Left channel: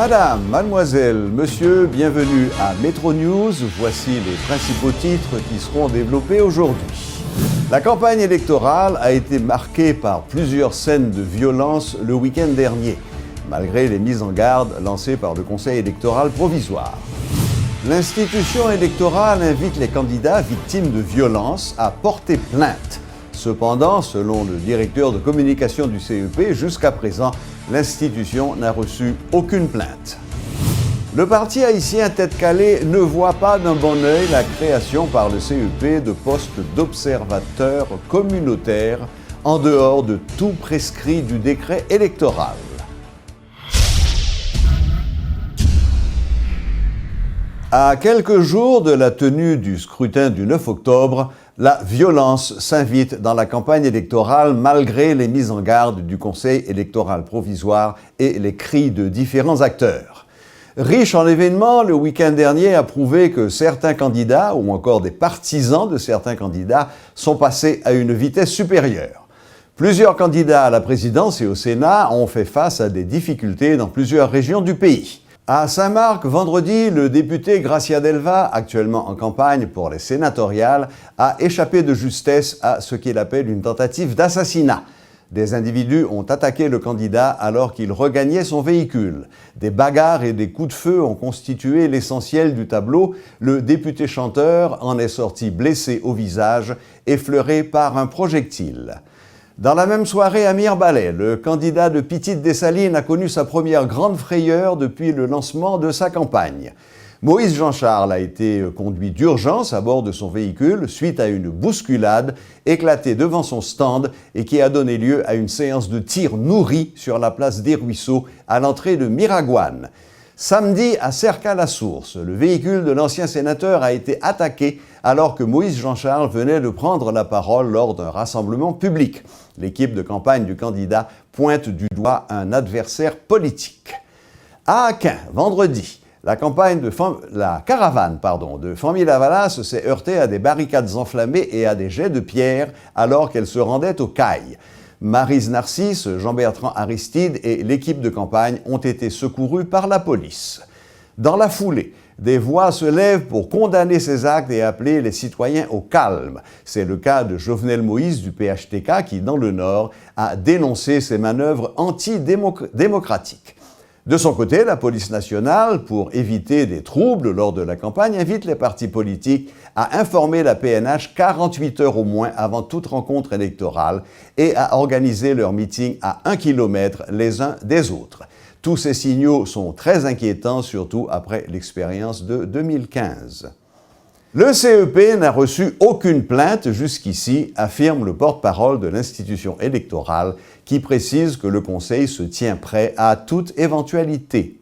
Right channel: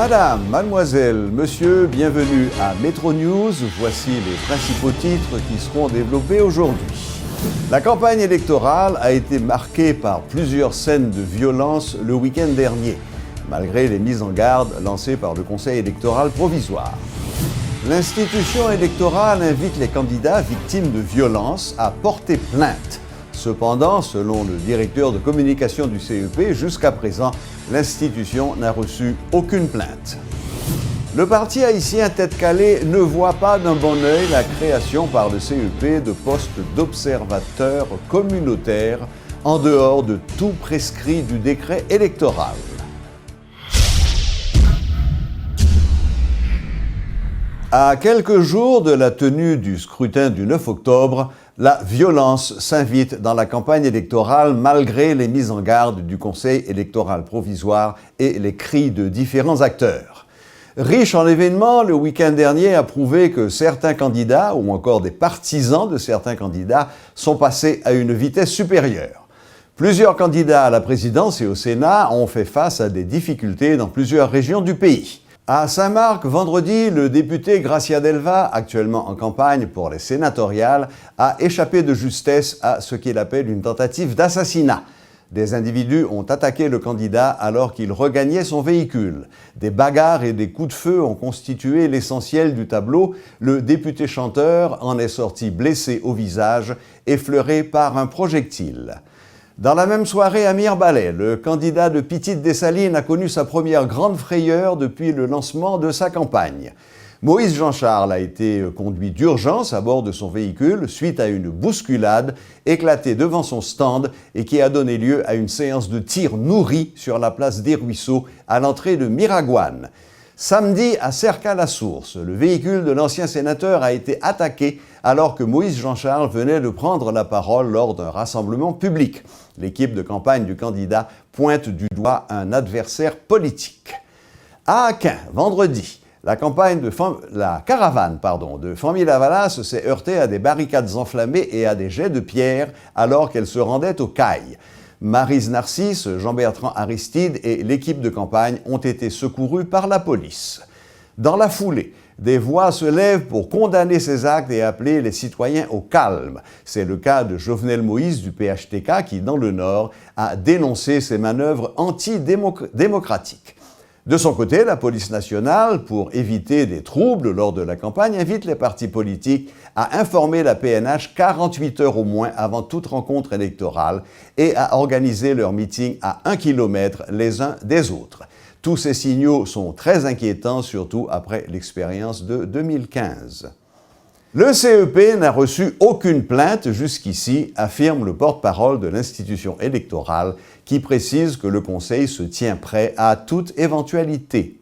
Madame, mademoiselle, monsieur, bienvenue à Metro News. Voici les principaux titres qui seront développés aujourd'hui. La campagne électorale a été marquée par plusieurs scènes de violence le week-end dernier, malgré les mises en garde lancées par le Conseil électoral provisoire. L'institution électorale invite les candidats victimes de violences à porter plainte. Cependant, selon le directeur de communication du CEP, jusqu'à présent, l'institution n'a reçu aucune plainte. Le parti haïtien Tête Calée ne voit pas d'un bon œil la création par le CEP de postes d'observateurs communautaires en dehors de tout prescrit du décret électoral. À quelques jours de la tenue du scrutin du 9 octobre, la violence s'invite dans la campagne électorale malgré les mises en garde du Conseil électoral provisoire et les cris de différents acteurs. Riche en événements, le week-end dernier a prouvé que certains candidats, ou encore des partisans de certains candidats, sont passés à une vitesse supérieure. Plusieurs candidats à la présidence et au Sénat ont fait face à des difficultés dans plusieurs régions du pays. À Saint-Marc, vendredi, le député Gracia Delva, actuellement en campagne pour les sénatoriales, a échappé de justesse à ce qu'il appelle une tentative d'assassinat. Des individus ont attaqué le candidat alors qu'il regagnait son véhicule. Des bagarres et des coups de feu ont constitué l'essentiel du tableau. Le député chanteur en est sorti blessé au visage, effleuré par un projectile. Dans la même soirée à Mirebalais, le candidat de Petite-Dessalines a connu sa première grande frayeur depuis le lancement de sa campagne. Moïse Jean-Charles a été conduit d'urgence à bord de son véhicule suite à une bousculade éclatée devant son stand et qui a donné lieu à une séance de tir nourri sur la place des Ruisseaux à l'entrée de Miragouane. Samedi, à Cerca-la-Source, le véhicule de l'ancien sénateur a été attaqué alors que Moïse Jean-Charles venait de prendre la parole lors d'un rassemblement public. L'équipe de campagne du candidat pointe du doigt un adversaire politique. À Aquin, vendredi, la caravane de Famille-Lavalas s'est heurtée à des barricades enflammées et à des jets de pierre alors qu'elle se rendait au Cail. Maryse Narcisse, Jean-Bertrand Aristide et l'équipe de campagne ont été secourus par la police. Dans la foulée, des voix se lèvent pour condamner ces actes et appeler les citoyens au calme. C'est le cas de Jovenel Moïse du PHTK qui, dans le Nord, a dénoncé ces manœuvres antidémocratiques. De son côté, la police nationale, pour éviter des troubles lors de la campagne, invite les partis politiques à informer la PNH 48 heures au moins avant toute rencontre électorale et à organiser leurs meetings à 1 kilomètre les uns des autres. Tous ces signaux sont très inquiétants, surtout après l'expérience de 2015. Le CEP n'a reçu aucune plainte jusqu'ici, affirme le porte-parole de l'institution électorale, qui précise que le Conseil se tient prêt à toute éventualité.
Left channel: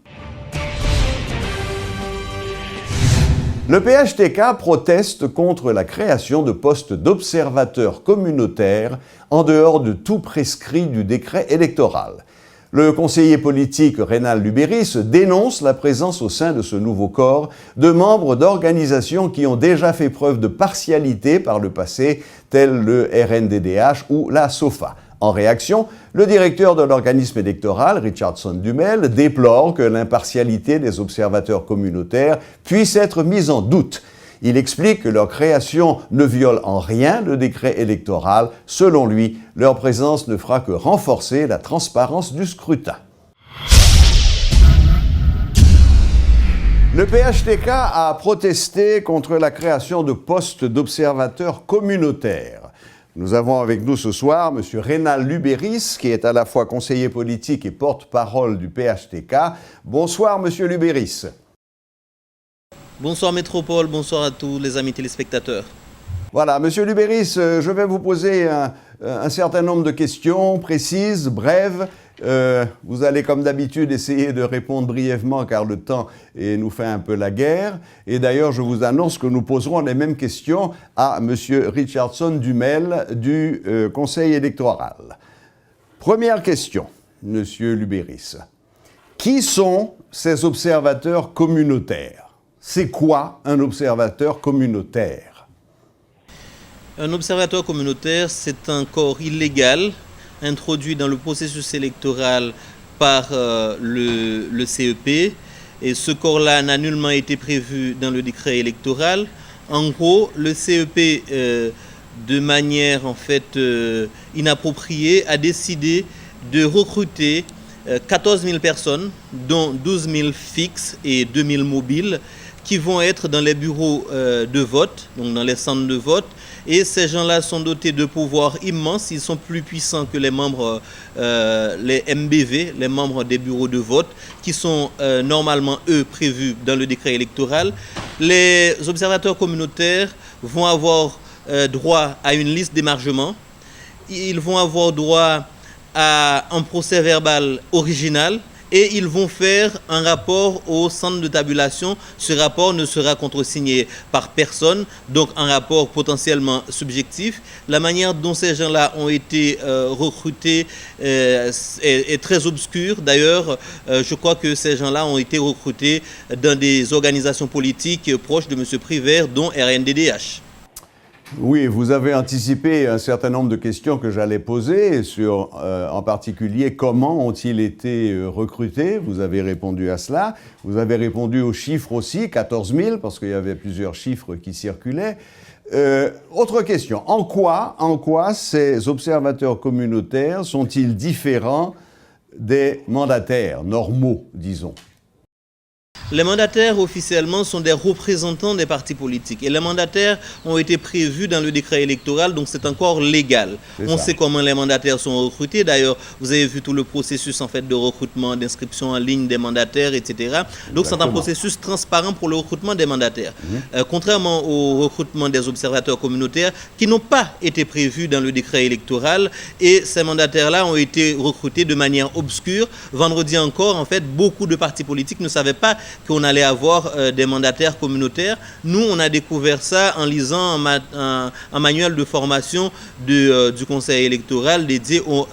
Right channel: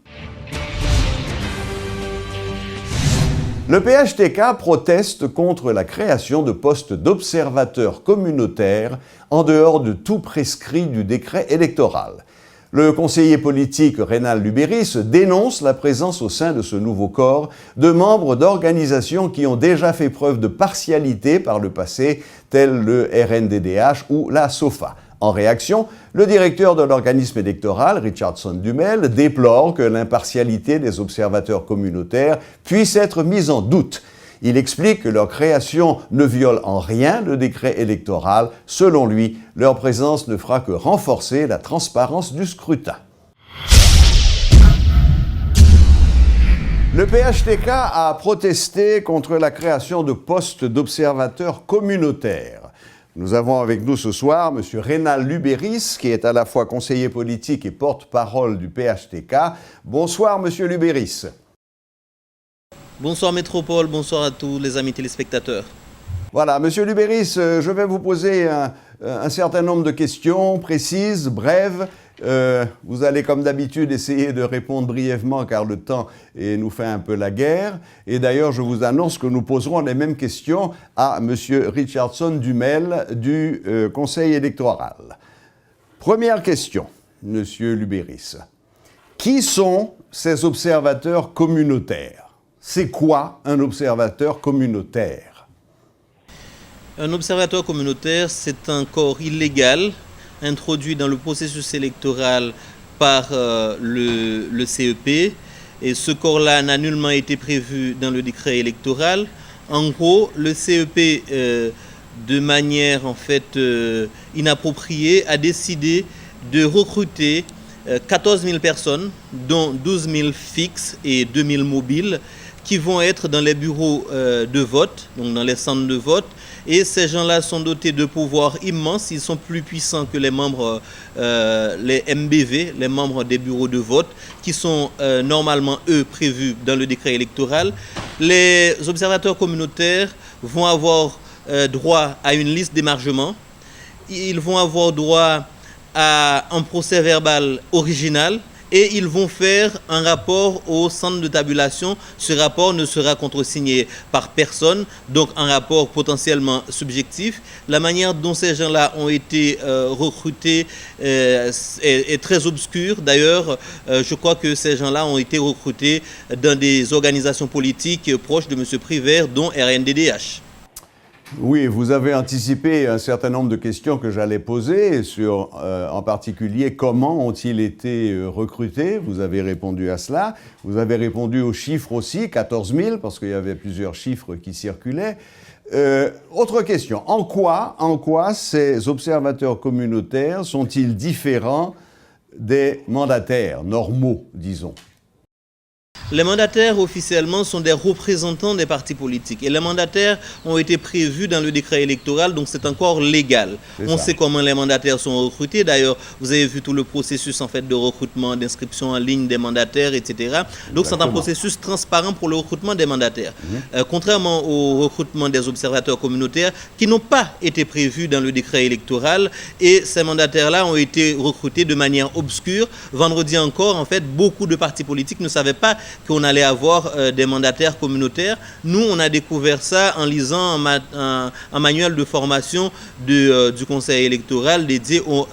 Le PHTK proteste contre la création de postes d'observateurs communautaires en dehors de tout prescrit du décret électoral. Le conseiller politique Rénal Lubéris dénonce la présence au sein de ce nouveau corps de membres d'organisations qui ont déjà fait preuve de partialité par le passé, tels le RNDDH ou la SOFA. En réaction, le directeur de l'organisme électoral, Richardson Dumel, déplore que l'impartialité des observateurs communautaires puisse être mise en doute. Il explique que leur création ne viole en rien le décret électoral. Selon lui, leur présence ne fera que renforcer la transparence du scrutin. Le PHTK a protesté contre la création de postes d'observateurs communautaires. Nous avons avec nous ce soir M. Rénal Lubéris, qui est à la fois conseiller politique et porte-parole du PHTK. Bonsoir, M. Lubéris. Bonsoir Métropole, bonsoir à tous les amis téléspectateurs. Voilà, Monsieur Lubéris, je vais vous poser un certain nombre de questions précises, brèves. Vous allez comme d'habitude essayer de répondre brièvement car le temps nous fait un peu la guerre. Et d'ailleurs, je vous annonce que nous poserons les mêmes questions à Monsieur Richardson Dumel du Conseil électoral. Première question, Monsieur Lubéris. Qui sont ces observateurs communautaires ? C'est quoi un observateur communautaire? Un observateur communautaire, c'est un corps illégal introduit dans le processus électoral par le CEP. Et ce corps-là n'a nullement été prévu dans le décret électoral. En gros, le CEP, de manière en fait inappropriée, a décidé de recruter 14 000 personnes, dont 12 000 fixes et 2 000 mobiles, qui vont être dans les bureaux de vote, donc dans les centres de vote. Et ces gens-là sont dotés de pouvoirs immenses. Ils sont plus puissants que les membres, les MBV, les membres des bureaux de vote, qui sont normalement, eux, prévus dans le décret électoral. Les observateurs communautaires vont avoir droit à une liste d'émargement. Ils vont avoir droit à un procès verbal original. Et ils vont faire un rapport au centre de tabulation. Ce rapport ne sera contresigné par personne, donc un rapport potentiellement subjectif. La manière dont ces gens-là ont été recrutés est très obscure. D'ailleurs, je crois que ces gens-là ont été recrutés dans des organisations politiques proches de M. Prévert, dont RNDDH. Oui, vous avez anticipé un certain nombre de questions que j'allais poser sur, en particulier, comment ont-ils été recrutés? Vous avez répondu à cela. Vous avez répondu aux chiffres aussi, 14 000, parce qu'il y avait plusieurs chiffres qui circulaient. Autre question, en quoi ces observateurs communautaires sont-ils différents des mandataires normaux, disons? Les mandataires, officiellement, sont des représentants des partis politiques. Et les mandataires ont été prévus dans le décret électoral, donc c'est encore légal. On sait comment les mandataires sont recrutés. D'ailleurs, vous avez vu tout le processus en fait, de recrutement, d'inscription en ligne des mandataires, etc. Donc c'est un processus transparent pour le recrutement des mandataires. Contrairement au recrutement des observateurs communautaires qui n'ont pas été prévus dans le décret électoral. Et ces mandataires-là ont été recrutés de manière obscure. Vendredi encore, en fait, beaucoup de partis politiques ne savaient pas qu'on allait avoir des mandataires communautaires. Nous, on a découvert ça en lisant un manuel de formation du Conseil électoral dédié aux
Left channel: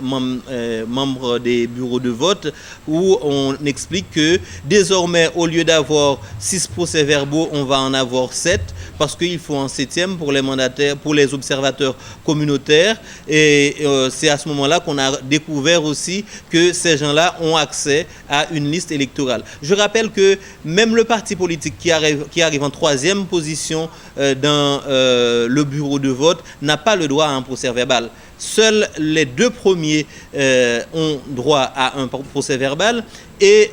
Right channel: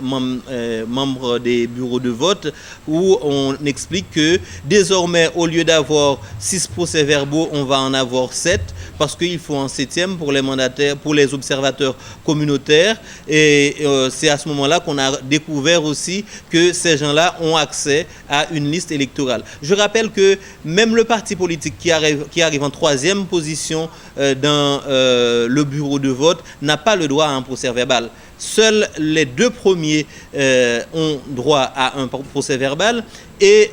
membres des bureaux de vote où on explique que désormais, au lieu d'avoir 6 procès-verbaux, on va en avoir 7 parce qu'il faut un 7e pour les mandataires, pour les observateurs communautaires. Et c'est à ce moment-là qu'on a découvert aussi que ces gens-là ont accès à une liste électorale. Je rappelle que même le parti politique qui arrive en 3e position dans le bureau de vote n'a pas le droit à un procès-verbal. Seuls les 2 premiers ont droit à un procès-verbal et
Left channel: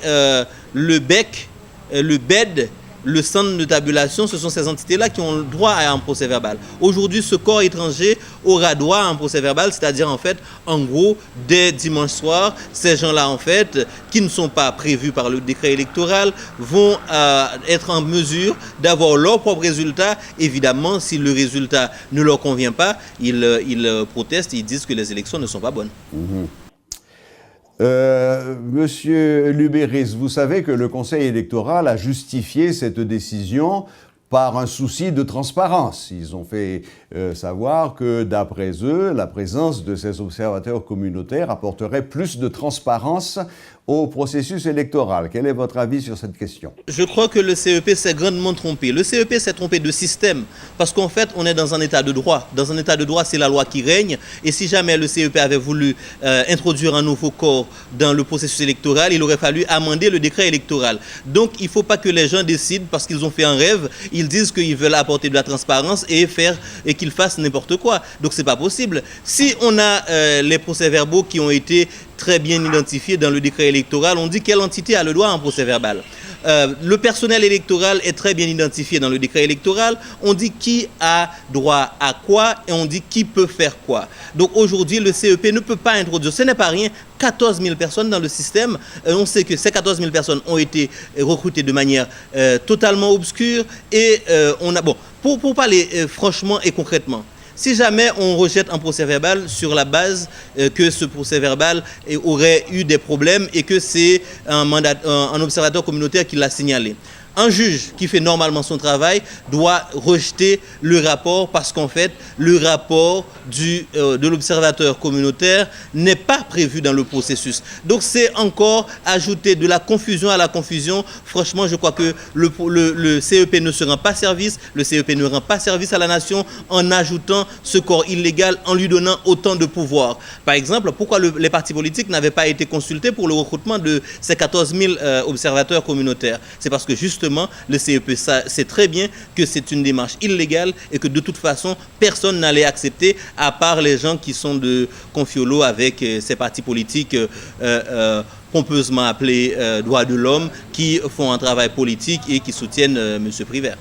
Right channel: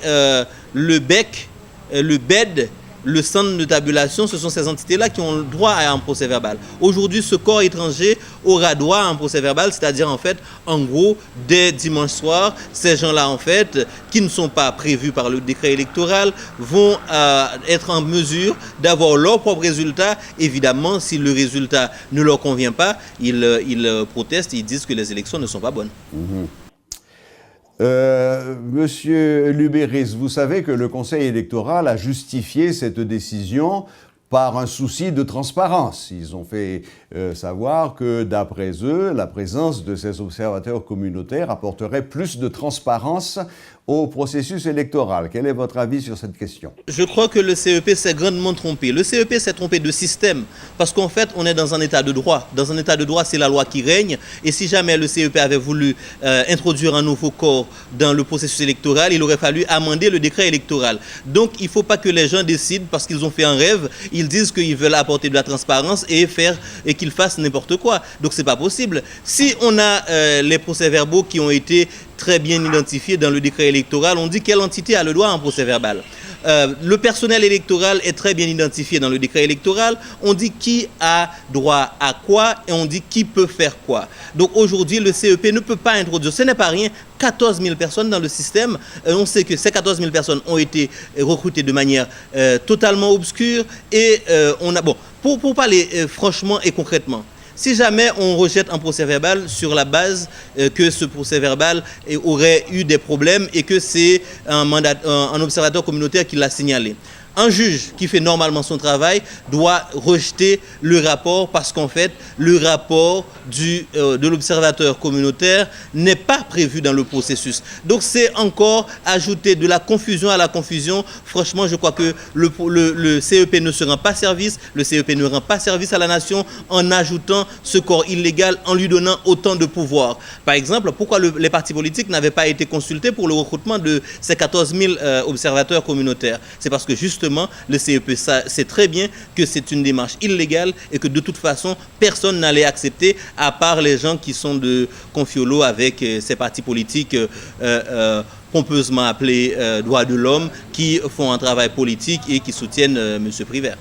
le BEC, le BED, le centre de tabulation, ce sont ces entités-là qui ont le droit à un procès-verbal. Aujourd'hui, ce corps étranger aura droit à un procès-verbal, c'est-à-dire en fait, en gros, dès dimanche soir, ces gens-là en fait, qui ne sont pas prévus par le décret électoral, vont être en mesure d'avoir leur propre résultat. Évidemment, si le résultat ne leur convient pas, ils protestent, ils disent que les élections ne sont pas bonnes. Monsieur Lubéris, vous savez que le Conseil électoral a justifié cette décision par un souci de transparence. Ils ont fait savoir que, d'après eux, la présence de ces observateurs communautaires apporterait plus de transparence au processus électoral. Quel est votre avis sur cette question? Je crois que le CEP s'est grandement trompé. Le CEP s'est trompé de système parce qu'en fait, on est dans un état de droit. Dans un état de droit, c'est la loi qui règne. Et si jamais le CEP avait voulu introduire un nouveau corps dans le processus électoral, il aurait fallu amender le décret électoral. Donc, il ne faut pas que les gens décident parce qu'ils ont fait un rêve. Ils disent qu'ils veulent apporter de la transparence et qu'ils fassent n'importe quoi. Donc, ce n'est pas possible. Si on a les procès-verbaux qui ont été très bien identifiés dans le décret électoral, on dit quelle entité a le droit à un procès-verbal. Le personnel électoral est très bien identifié dans le décret électoral. On dit qui a droit à quoi et on dit qui peut faire quoi. Donc aujourd'hui, le CEP ne peut pas introduire, ce n'est pas rien, 14 000 personnes dans le système. On sait que ces 14 000 personnes ont été recrutées de manière totalement obscure. Et on a, bon, pour parler franchement et concrètement, si jamais on rejette un procès-verbal sur la base que ce procès-verbal aurait eu des problèmes et que c'est un observateur communautaire qui l'a signalé. Un juge qui fait normalement son travail doit rejeter le rapport parce qu'en fait, le rapport de l'observateur communautaire n'est pas prévu dans le processus. Donc c'est encore ajouter de la confusion à la confusion. Franchement, je crois que le CEP ne se rend pas service, le CEP ne rend pas service à la nation en ajoutant ce corps illégal, en lui donnant autant de pouvoir. Par exemple, pourquoi les partis politiques n'avaient pas été consultés pour le recrutement de ces 14 000 observateurs communautaires? C'est parce que justement, le CEP sait très bien que c'est une démarche illégale et que de toute façon, personne n'allait accepter, à part les gens qui sont de confiolo avec ces partis politiques pompeusement appelés droits de l'homme, qui font un travail politique et qui soutiennent M. Privert.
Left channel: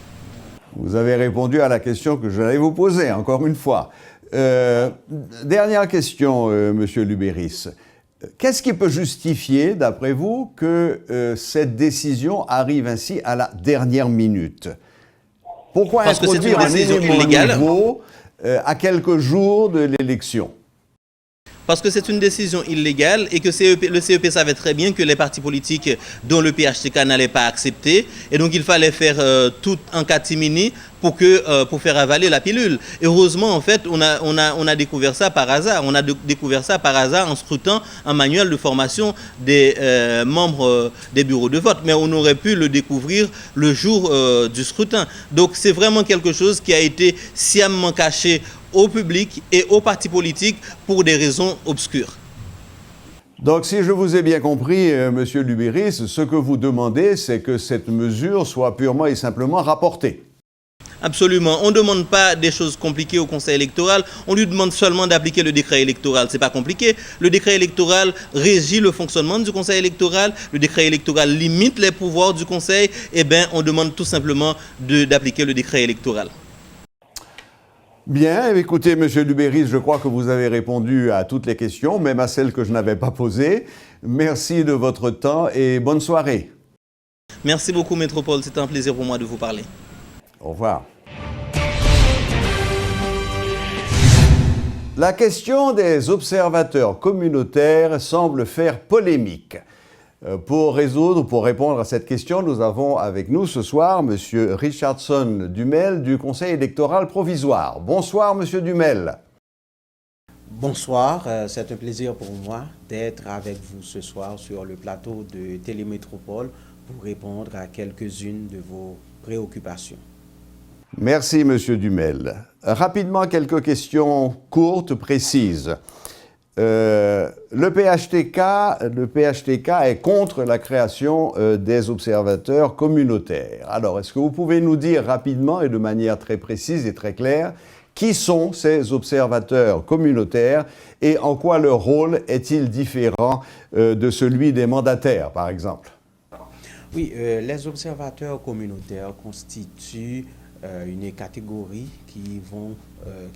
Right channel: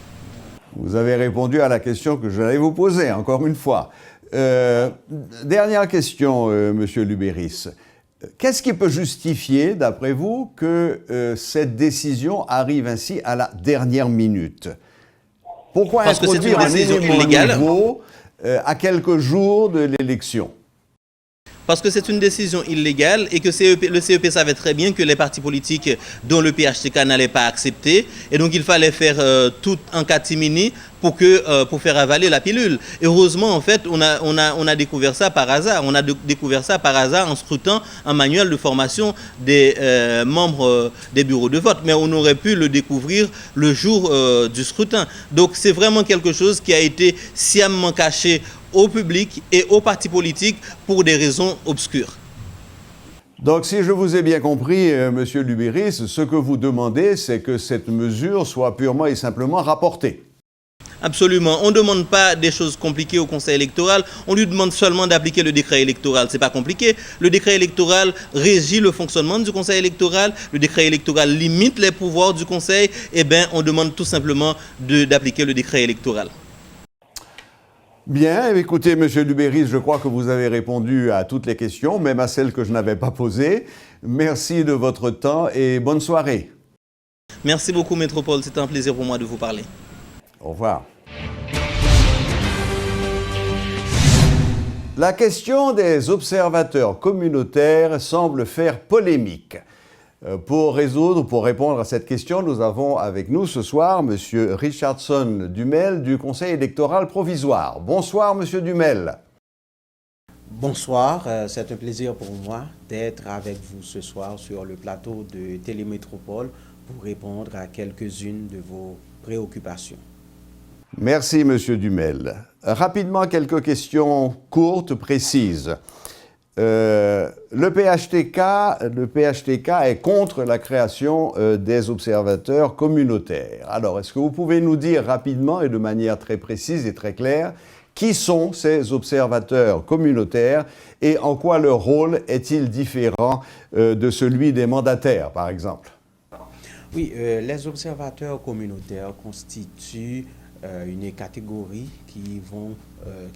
Vous avez répondu à la question que j'allais vous poser, encore une fois. Dernière question, Monsieur Lubéris. Qu'est-ce qui peut justifier, d'après vous, que cette décision arrive ainsi à la dernière minute? Pourquoi introduire un élément nouveau à quelques jours de l'élection? Parce que c'est une décision illégale et que le CEP savait très bien que les partis politiques dont le PHTK n'allait pas accepter. Et donc il fallait faire tout en catimini pour faire avaler la pilule. Et heureusement, en fait, on a découvert ça par hasard. On a découvert ça par hasard en scrutant un manuel de formation des membres des bureaux de vote. Mais on aurait pu le découvrir le jour du scrutin. Donc c'est vraiment quelque chose qui a été sciemment caché au public et aux partis politiques pour des raisons obscures. Donc, si je vous ai bien compris, Monsieur Lubéris, ce que vous demandez, c'est que cette mesure soit purement et simplement rapportée. Absolument. On ne demande pas des choses compliquées au Conseil électoral, on lui demande seulement d'appliquer le décret électoral. Ce n'est pas compliqué. Le décret électoral régit le fonctionnement du Conseil électoral, le décret électoral limite les pouvoirs du Conseil, et bien on demande tout simplement d'appliquer le décret électoral. Bien, écoutez, Monsieur Lubéris, je crois que vous avez répondu à toutes les questions, même à celles que je n'avais pas posées. Merci de votre temps et bonne soirée. Merci beaucoup, Métropole. C'était un plaisir pour moi de vous parler. Au revoir. La question des observateurs communautaires semble faire polémique. Pour répondre à cette question, nous avons avec nous ce soir M. Richardson Dumel du Conseil électoral provisoire. Bonsoir, M. Dumel. Bonsoir, c'est un plaisir pour moi d'être avec vous ce soir sur le plateau de Télémétropole pour répondre à quelques-unes de vos préoccupations. Merci, M. Dumel. Rapidement, quelques questions courtes, précises. Le PHTK est contre la création des observateurs communautaires. Alors, est-ce que vous pouvez nous dire rapidement et de manière très précise et très claire qui sont ces observateurs communautaires et en quoi leur rôle est-il différent de celui des mandataires, par exemple? Oui, les observateurs communautaires constituent une catégorie qui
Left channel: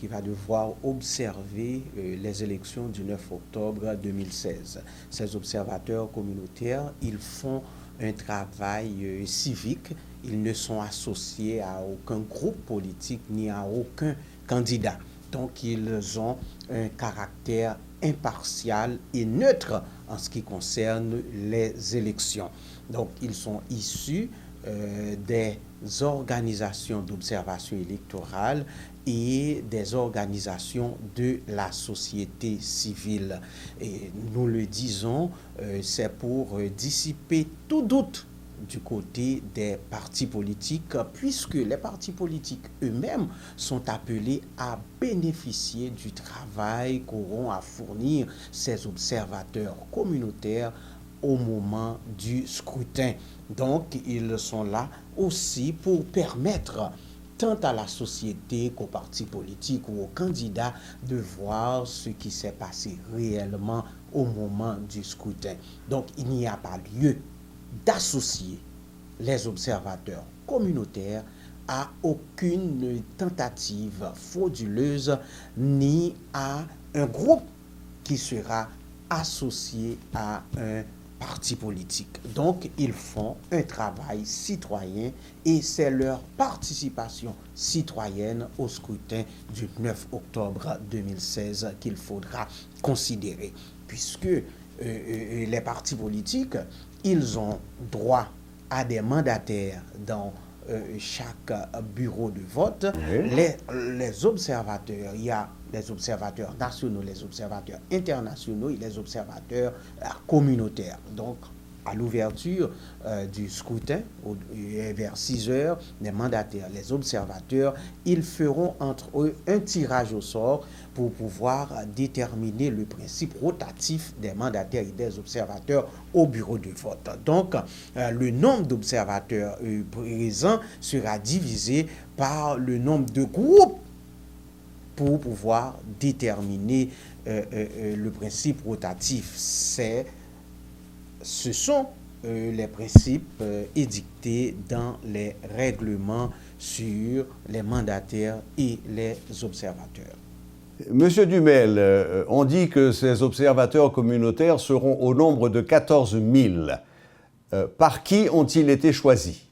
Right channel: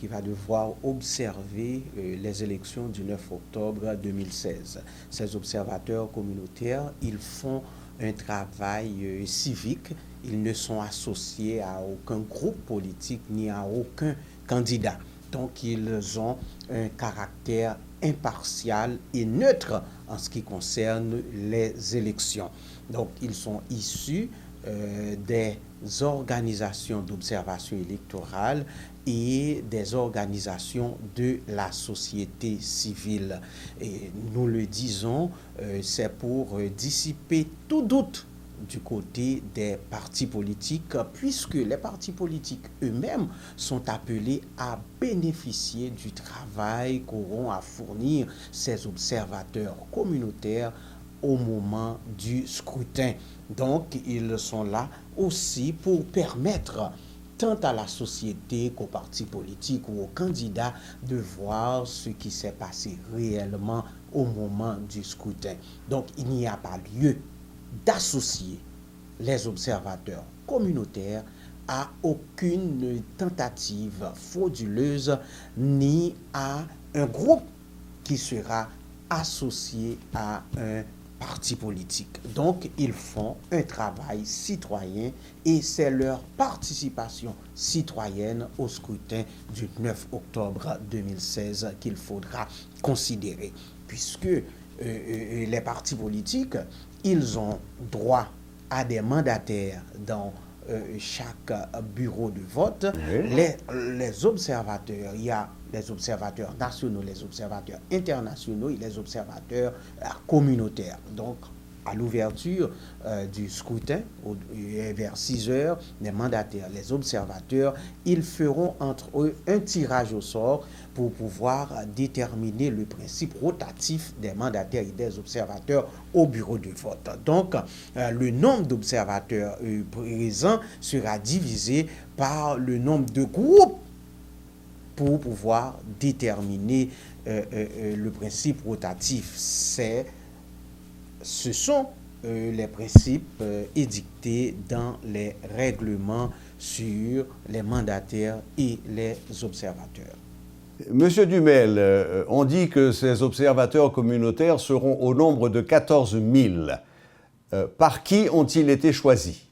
va devoir observer les élections du 9 octobre 2016. Ces observateurs communautaires, ils font un travail civique, ils ne sont associés à aucun groupe politique ni à aucun candidat. Donc, ils ont un caractère impartial et neutre en ce qui concerne les élections. Donc, ils sont issus des organisations d'observation électorale et des organisations de la société civile. Et nous le disons, c'est pour dissiper tout doute du côté des partis politiques, puisque les partis politiques eux-mêmes sont appelés à bénéficier du travail qu'auront à fournir ces observateurs communautaires au moment du scrutin. Donc, ils sont là aussi pour permettre tant à la société qu'aux partis politiques ou aux candidats de voir ce qui s'est passé réellement au moment du scrutin. Donc, il n'y a pas lieu d'associer les observateurs communautaires à aucune tentative frauduleuse ni à un groupe qui sera associé à un parti politique. Donc, ils font un travail citoyen et c'est leur participation citoyenne au scrutin du 9 octobre 2016 qu'il faudra considérer, puisque les partis politiques, ils ont droit a des mandataires dans chaque bureau de vote. Oui. Les observateurs, il y a les observateurs nationaux, les observateurs internationaux et les observateurs communautaires. Donc, à l'ouverture du scrutin, vers 6 heures, les mandataires, les observateurs, ils feront entre eux un tirage au sort pour pouvoir déterminer le principe rotatif des mandataires et des observateurs au bureau de vote. Donc, le nombre d'observateurs présents sera divisé par le nombre de groupes pour pouvoir déterminer le principe rotatif. Ce sont les principes édictés dans les règlements sur les mandataires et les observateurs. Monsieur Dumel, on dit que ces observateurs communautaires seront au nombre de 14 000. Par qui ont-ils été choisis?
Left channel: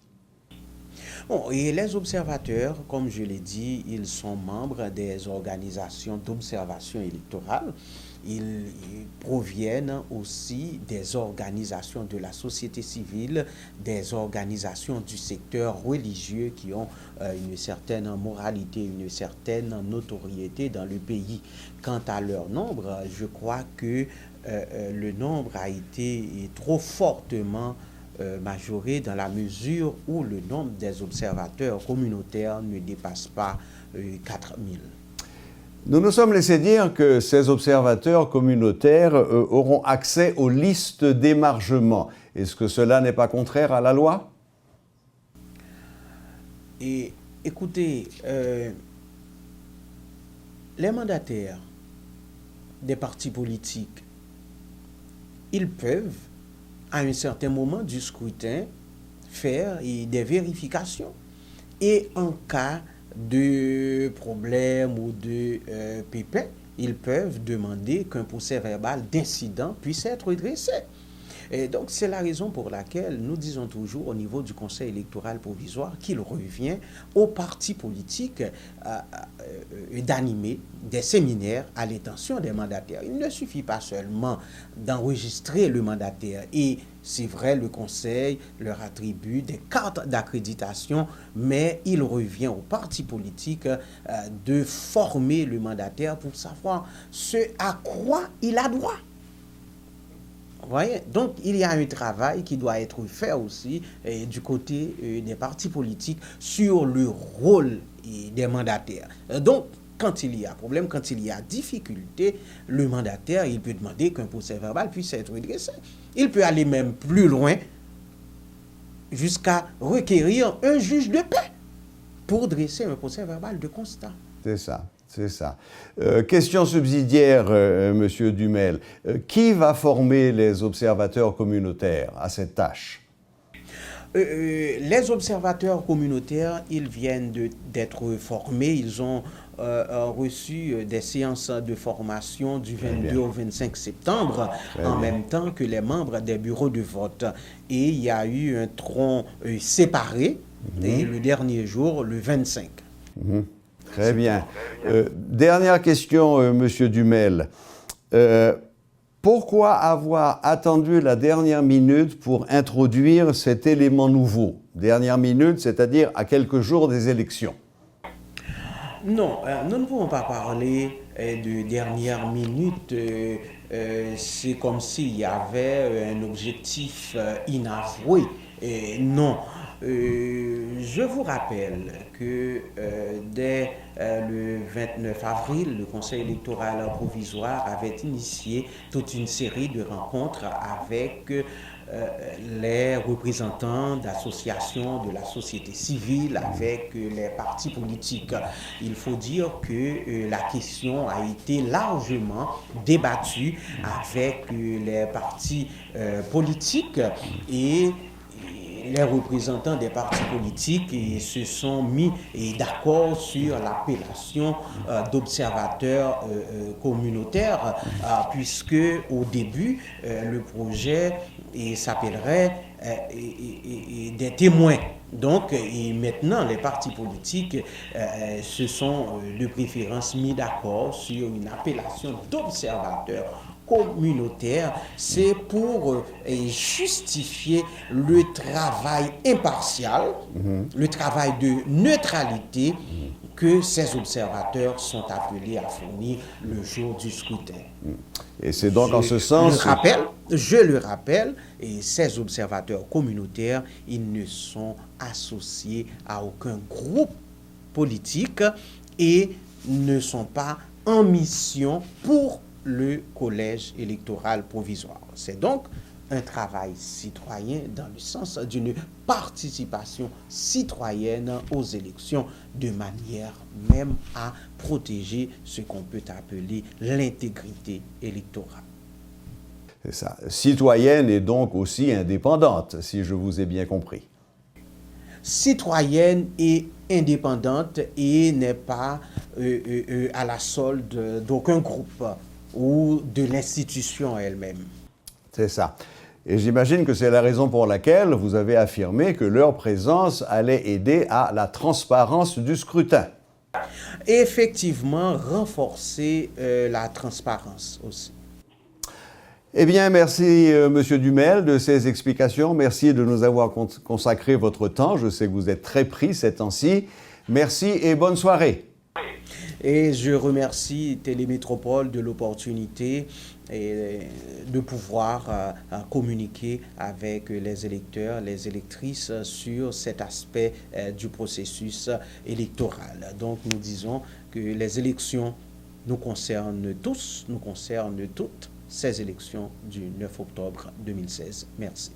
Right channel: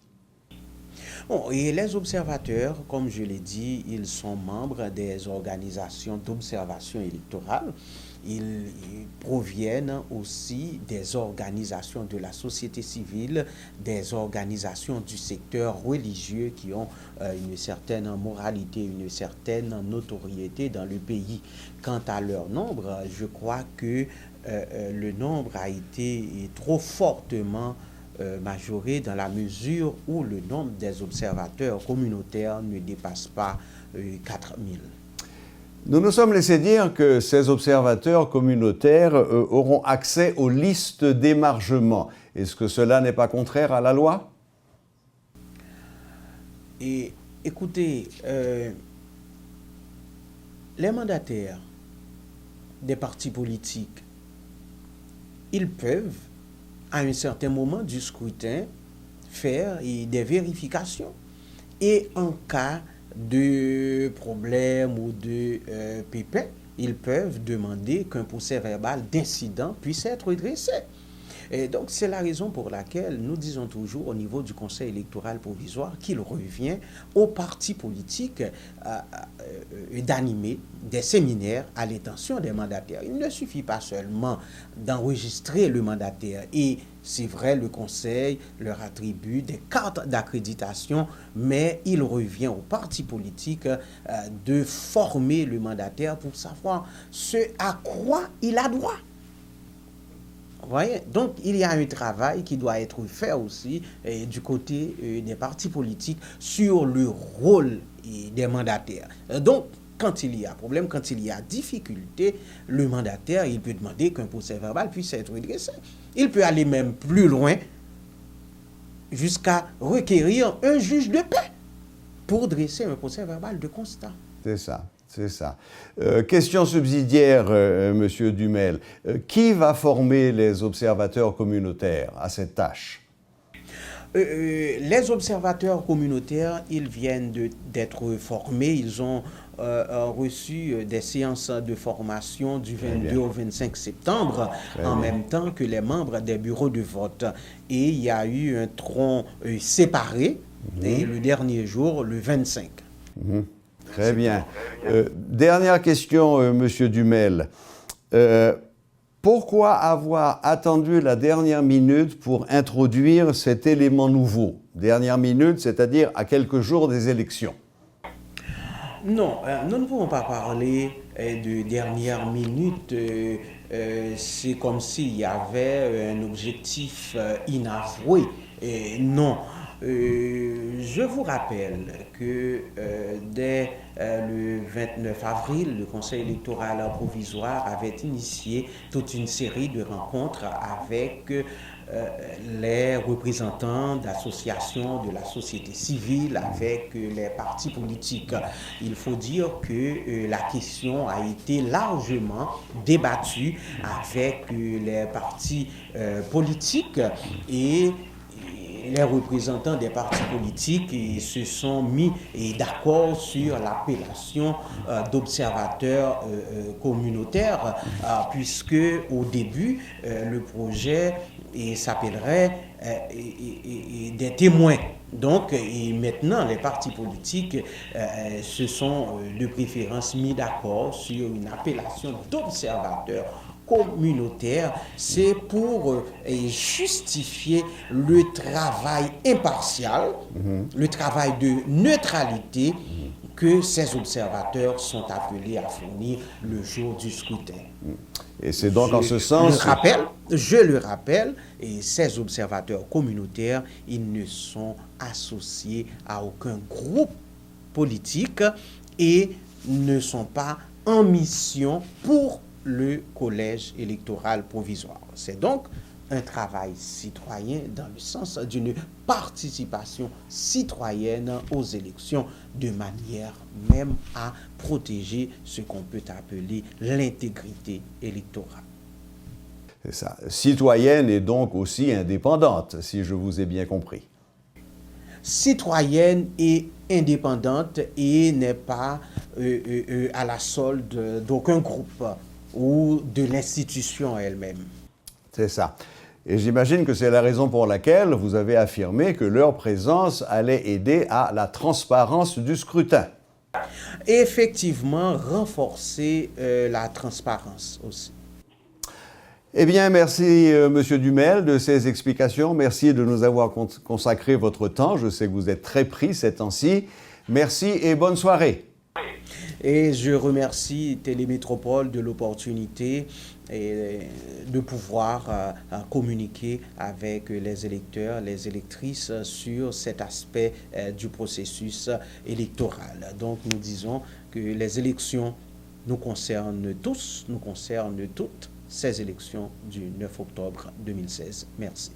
Bon, et les observateurs, comme je l'ai dit, ils sont membres des organisations d'observation électorale. Ils proviennent aussi des organisations de la société civile, des organisations du secteur religieux qui ont une certaine moralité, une certaine notoriété dans le pays. Quant à leur nombre, je crois que le nombre a été trop fortement majoré dans la mesure où le nombre des observateurs communautaires ne dépasse pas 4 000. Nous nous sommes laissé dire que ces observateurs communautaires auront accès aux listes d'émargement. Est-ce que cela n'est pas contraire à la loi? Et écoutez, les mandataires des partis politiques, ils peuvent, à un certain moment du scrutin, faire des vérifications. Et en cas de problèmes ou de pépins, ils peuvent demander qu'un procès verbal d'incident puisse être dressé. Et donc, c'est la raison pour laquelle nous disons toujours au niveau du Conseil électoral provisoire qu'il revient aux partis politiques d'animer des séminaires à l'intention des mandataires. Il ne suffit pas seulement d'enregistrer le mandataire et c'est vrai, le Conseil leur attribue des cartes d'accréditation, mais il revient aux partis politiques de former le mandataire pour savoir ce à quoi il a droit. Vous voyez? Donc, il y a un travail qui doit être fait aussi du côté des partis politiques sur le rôle des mandataires. Donc, quand il y a problème, quand il y a difficulté, le mandataire, il peut demander qu'un procès verbal puisse être dressé. Il peut aller même plus loin jusqu'à requérir un juge de paix pour dresser un procès verbal de constat. C'est ça. C'est ça. Question subsidiaire, Monsieur Dumel. Qui va former les observateurs communautaires à cette tâche? Les observateurs communautaires, ils viennent d'être formés. Ils ont reçu des séances de formation du 22 au 25 septembre, en même temps que les membres des bureaux de vote. Et il y a eu un tronc séparé, et le dernier jour, le 25. Très bien. Dernière question, Monsieur Dumel. Pourquoi avoir attendu la dernière minute pour introduire cet élément nouveau? Dernière minute, c'est-à-dire à quelques jours des élections. Non, nous ne pouvons pas parler de dernière minute. C'est comme s'il y avait un objectif inavoué. Non. Je vous rappelle que dès le 29 avril, le Conseil électoral provisoire avait initié toute une série de rencontres avec les représentants d'associations de la société civile, avec les partis politiques. Il faut dire que la question a été largement débattue avec les partis politiques et les représentants des partis politiques se sont mis d'accord sur l'appellation d'observateurs communautaires, puisque au début, le projet s'appellerait des témoins. Donc, et maintenant, les partis politiques se sont de préférence mis d'accord sur une appellation d'observateurs communautaire, c'est pour justifier le travail impartial, le travail de neutralité que ces observateurs sont appelés à fournir le jour du scrutin. Et c'est donc en ce sens... Je le rappelle, et ces observateurs communautaires, ils ne sont associés à aucun groupe politique et ne sont pas en mission pour le collège électoral provisoire. C'est donc un travail citoyen dans le sens d'une participation citoyenne aux élections, de manière même à protéger ce qu'on peut appeler l'intégrité électorale. C'est ça. Citoyenne et donc aussi indépendante, si je vous ai bien compris. Citoyenne et indépendante et n'est pas à la solde d'aucun groupe ou de l'institution elle-même. C'est ça. Et j'imagine que c'est la raison pour laquelle vous avez affirmé que leur présence allait aider à la transparence du scrutin. Effectivement, renforcer la transparence aussi. Eh bien, merci Monsieur Dumel de ces explications. Merci de nous avoir consacré votre temps. Je sais que vous êtes très pris ces temps-ci. Merci et bonne soirée. Et je remercie Télémétropole de l'opportunité de pouvoir communiquer avec les électeurs, les électrices sur cet aspect du processus électoral. Donc nous disons que les élections nous concernent tous, nous concernent toutes, ces élections du 9 octobre 2016. Merci.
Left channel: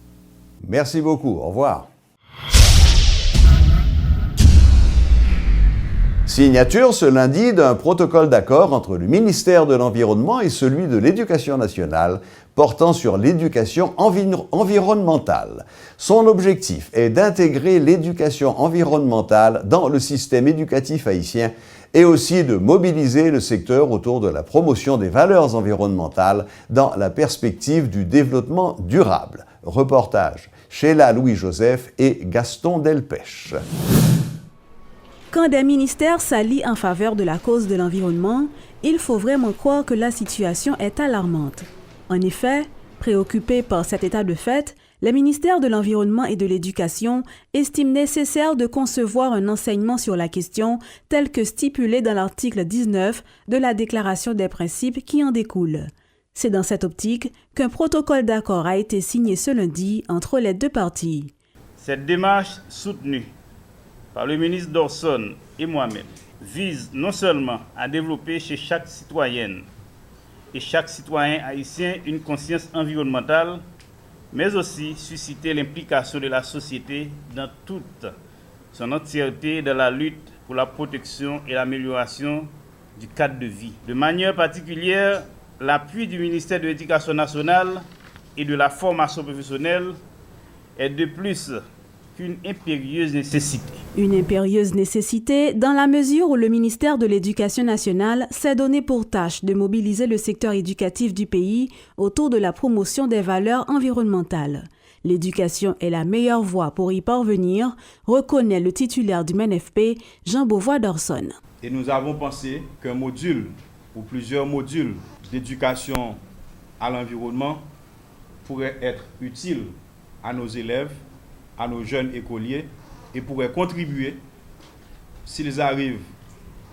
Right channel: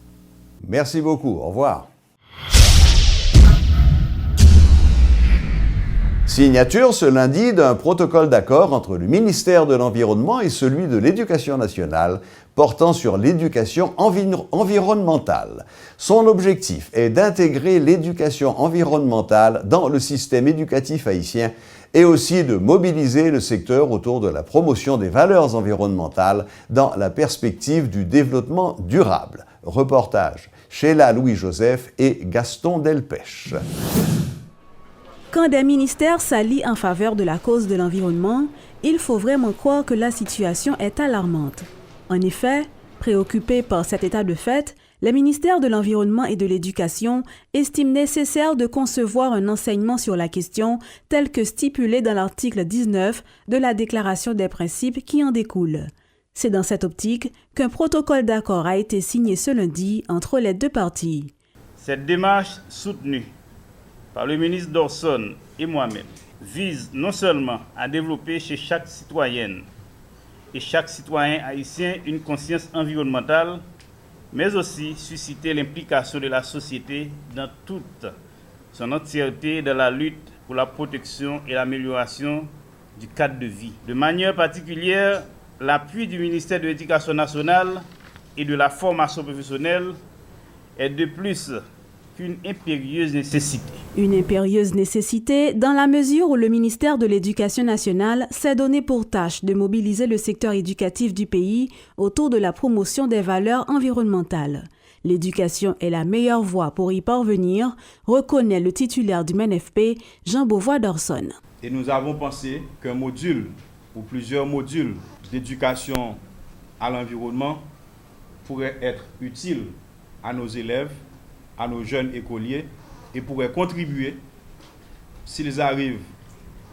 Merci beaucoup. Au revoir. Signature ce lundi d'un protocole d'accord entre le ministère de l'Environnement et celui de l'Éducation nationale portant sur l'éducation environnementale. Son objectif est d'intégrer l'éducation environnementale dans le système éducatif haïtien et aussi de mobiliser le secteur autour de la promotion des valeurs environnementales dans la perspective du développement durable. Reportage Sheila Louis-Joseph et Gaston Delpech. Quand des ministères s'allient en faveur de la cause de l'environnement, il faut vraiment croire que la situation est alarmante. En effet, préoccupés par cet état de fait, les ministères de l'Environnement et de l'Éducation estiment nécessaire de concevoir un enseignement sur la question tel que stipulé dans l'article 19 de la Déclaration des principes qui en découle. C'est dans cette optique qu'un protocole d'accord a été signé ce lundi entre les deux parties. Cette démarche soutenue par le ministre Dorson et moi-même vise non seulement à développer chez chaque citoyenne et chaque citoyen haïtien une conscience environnementale, mais aussi susciter l'implication de la société dans toute son entièreté dans la lutte pour la protection et l'amélioration du cadre de vie. De manière particulière, l'appui du ministère de l'Éducation nationale et de la formation professionnelle est de plus qu'une impérieuse nécessité. Une impérieuse nécessité dans la mesure où le ministère de l'Éducation nationale s'est donné pour tâche de mobiliser le secteur éducatif du pays autour de la promotion des valeurs environnementales. L'éducation est la meilleure voie pour y parvenir, reconnaît le titulaire du MNFP, Jean Beauvois-Dorson. Et nous avons pensé qu'un module ou plusieurs modules d'éducation à l'environnement pourraient être utiles à nos élèves, à nos jeunes écoliers et pourraient contribuer, s'ils arrivent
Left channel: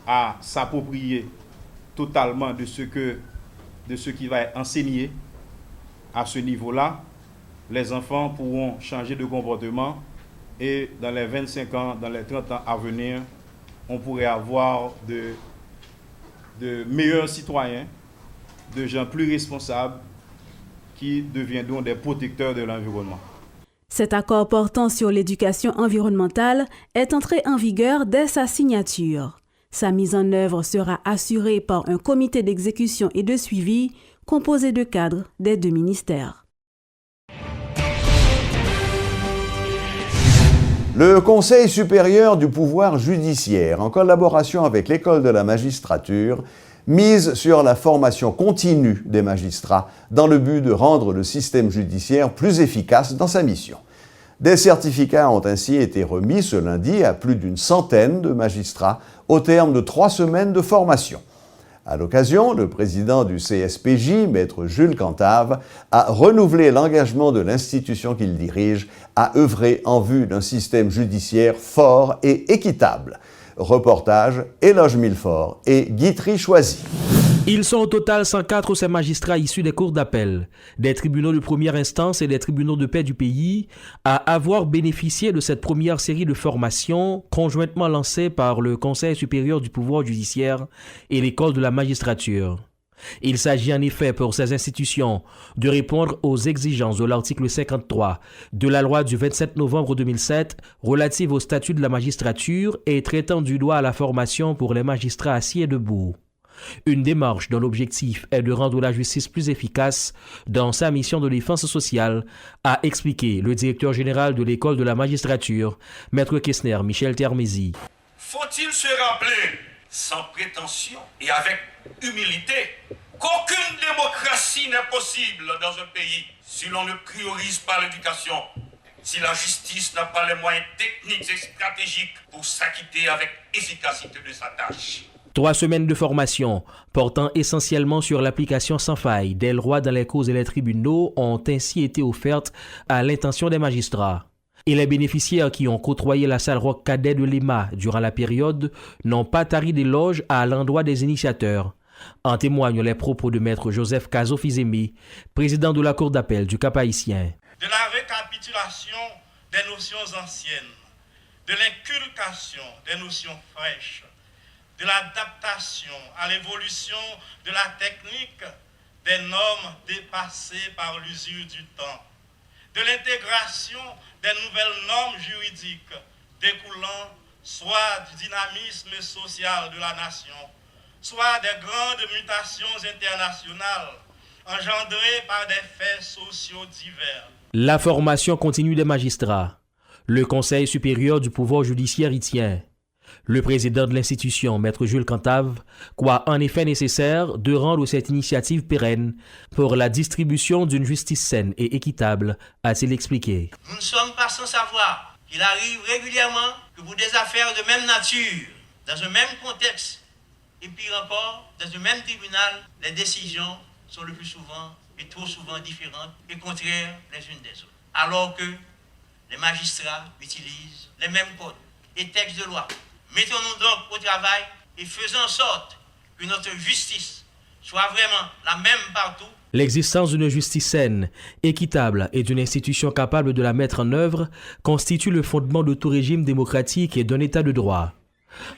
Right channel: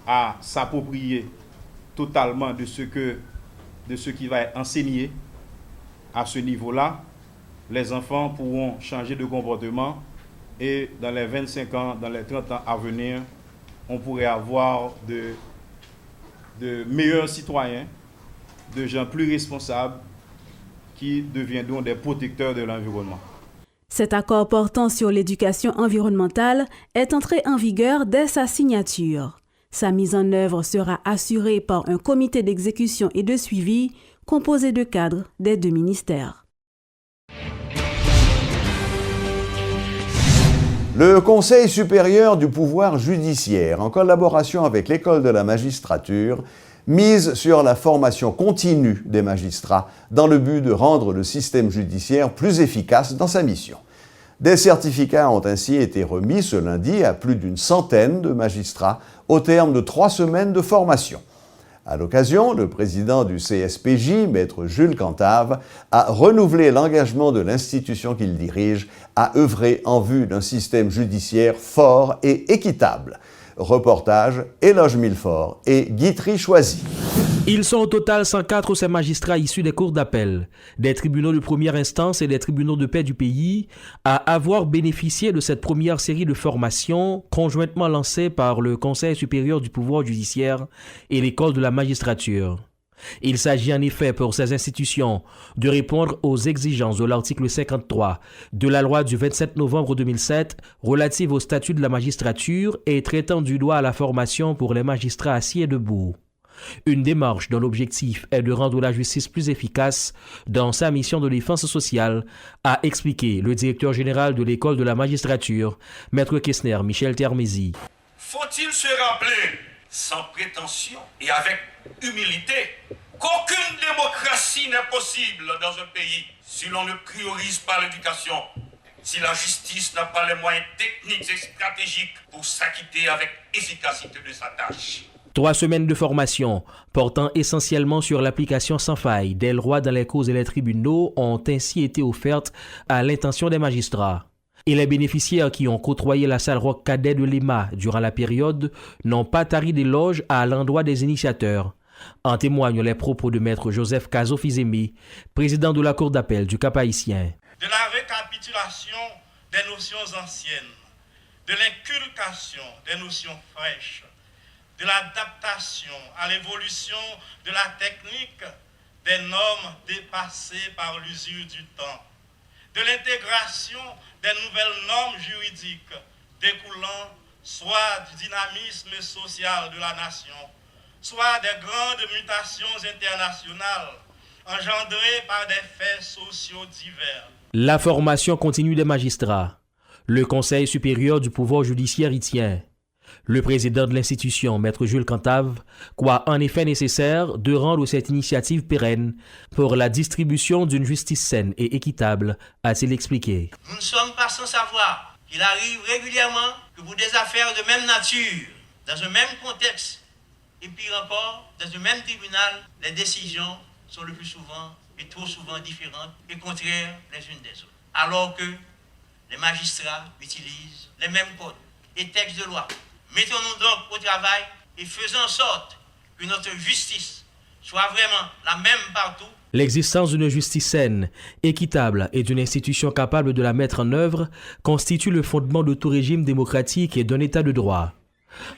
à s'approprier totalement de ce qui va être enseigné à ce niveau-là, les enfants pourront changer de comportement et dans les 25 ans, dans les 30 ans à venir, on pourrait avoir de meilleurs citoyens, de gens plus responsables qui deviendront des protecteurs de l'environnement. Cet accord portant sur l'éducation environnementale est entré en vigueur dès sa signature. Sa mise en œuvre sera assurée par un comité d'exécution et de suivi composé de cadres des deux ministères. Le Conseil supérieur du pouvoir judiciaire, en collaboration avec l'École de la magistrature, mise sur la formation continue des magistrats dans le but de rendre le système judiciaire plus efficace dans sa mission. Des certificats ont ainsi été remis ce lundi à plus d'une centaine de magistrats au terme de 3 semaines de formation. À l'occasion, le président du CSPJ, maître Jules Cantave, a renouvelé l'engagement de l'institution qu'il dirige à œuvrer en vue d'un système judiciaire fort et équitable. Reportage Éloge Millefort et Guitry Choisy. Ils sont au total 104 ces magistrats issus des cours d'appel, des tribunaux de première instance et des tribunaux de paix du pays à avoir bénéficié de cette première série de formations conjointement lancée par le Conseil supérieur du pouvoir judiciaire et l'École de la magistrature. Il s'agit en effet pour ces institutions de répondre aux exigences de l'article 53 de la loi du 27 novembre 2007 relative au statut de la magistrature et traitant du droit à la formation pour les magistrats assis et debout. Une démarche dont l'objectif est de rendre la justice plus efficace dans sa mission de défense sociale, a expliqué le directeur général de l'École de la magistrature, Maître Kessner Michel Termézy. Faut-il se rappeler, sans prétention et avec humilité, qu'aucune démocratie n'est possible dans un pays si l'on ne priorise pas l'éducation, si la justice n'a pas les moyens techniques et stratégiques pour s'acquitter avec efficacité de sa tâche. 3 semaines de formation portant essentiellement sur l'application sans faille des lois dans les causes et les tribunaux ont ainsi été offertes à l'intention des magistrats. Et les bénéficiaires qui ont côtoyé la salle rock cadet de l'EMA durant la période n'ont pas tari d'éloges à l'endroit des initiateurs. En témoignent les propos de maître Joseph Cazo-Fizemi, président de la Cour d'appel du Cap-Haïtien. De la récapitulation des notions anciennes, de l'inculcation des notions fraîches, de l'adaptation à l'évolution de la technique des normes dépassées par l'usure du temps, de l'intégration des nouvelles normes juridiques découlant soit du dynamisme social de la nation, soit des grandes mutations internationales engendrées par des faits sociaux divers. La formation continue des magistrats. Le Conseil supérieur du pouvoir judiciaire y tient. Le président de l'institution, Maître Jules Cantave, croit en effet nécessaire de rendre cette initiative pérenne pour la distribution d'une justice saine et équitable, a-t-il expliqué. Nous ne sommes pas sans savoir qu'il arrive régulièrement que pour des affaires de même nature, dans un même contexte, et pire encore, dans un même tribunal, les décisions sont le plus souvent et trop souvent différentes et contraires les unes des autres. Alors que les magistrats utilisent les mêmes codes et textes de loi. Mettons-nous donc au travail et faisons en sorte que notre justice soit vraiment la même partout. L'existence d'une justice saine, équitable et d'une institution capable de la mettre en œuvre constitue le fondement de tout régime démocratique et d'un état de droit.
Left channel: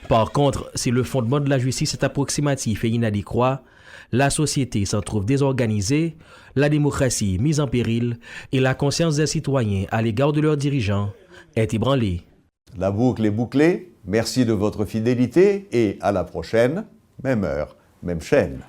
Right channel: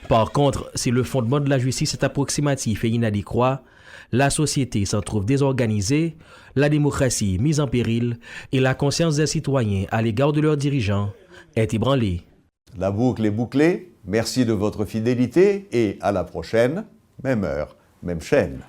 Par contre, si le fondement de la justice est approximatif et inadéquat, la société s'en trouve désorganisée, la démocratie mise en péril et la conscience des citoyens à l'égard de leurs dirigeants est ébranlée. La boucle est bouclée. Merci de votre fidélité et à la prochaine, même heure, même chaîne.